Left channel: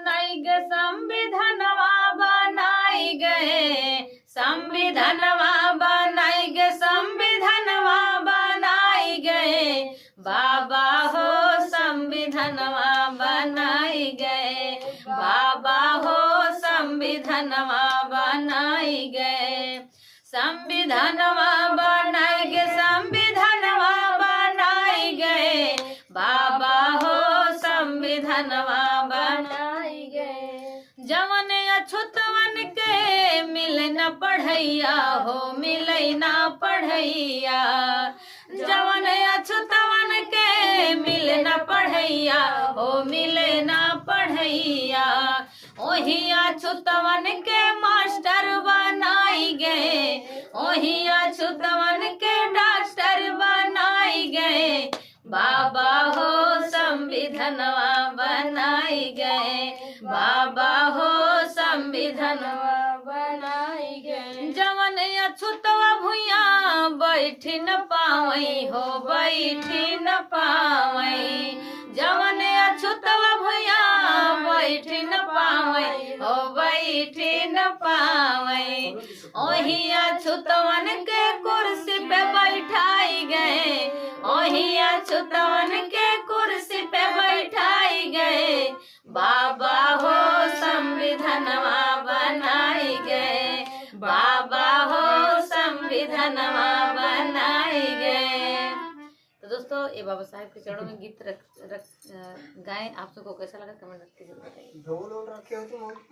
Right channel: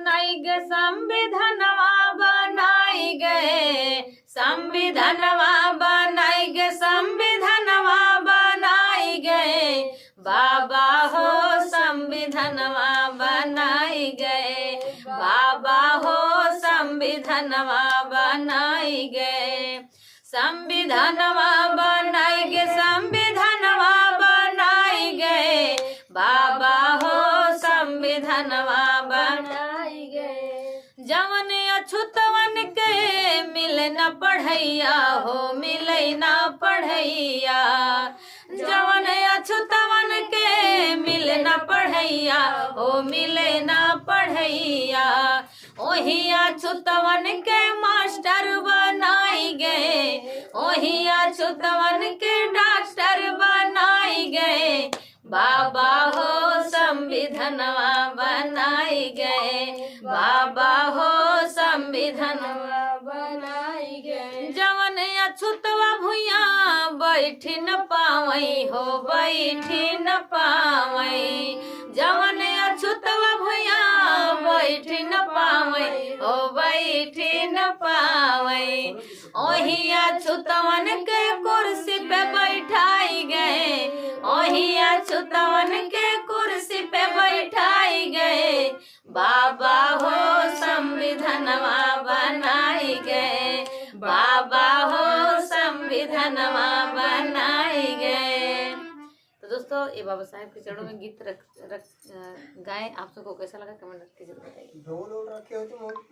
बनाई गे संविधानवा बनाई गए, संविधानवा बनाई गे संविधानवा बनाई गए, बाबा हो संविधानवा बनाई गए, बाबा हो संविधानवा बनाई गए, संविधानवा बनाई गे संविधानवा बनाई गए, बाबा हो संविधानवा बनाई गए। जवन अछूतवन के मिले न पढ़ैया हो, मिले न पढ़ैया, जवन अछूतवन के मिले न पढ़ैया हो, मिले न पढ़ैया, ओही अछूतवन के मास्टर बनाई गए, ओही अछूतवन के डॉक्टर बनाई गए, बाबा हो संविधानवा बनाई गए, बाबा हो संविधानवा बनाई गए। जवन अछूतवा भुइया बैठी न पावई हो, बैठी न पावई, जवन अछूतवा भुइया बैठी न पावई हो, बैठी न पावई, ओही अछूतवन के कुर्सी पे बैठाई गए, ओही अछूतवन के कुर्सी पे बैठाई गए, बाबा हो संविधानवा बनाई गए, बाबा हो संविधानवा बनाई गए। तो दोस्तों ये बाबा साहेब के चरणों में गीत गाएं। आप सबको कैसा लगा कमेंट करके जरूर बताइए।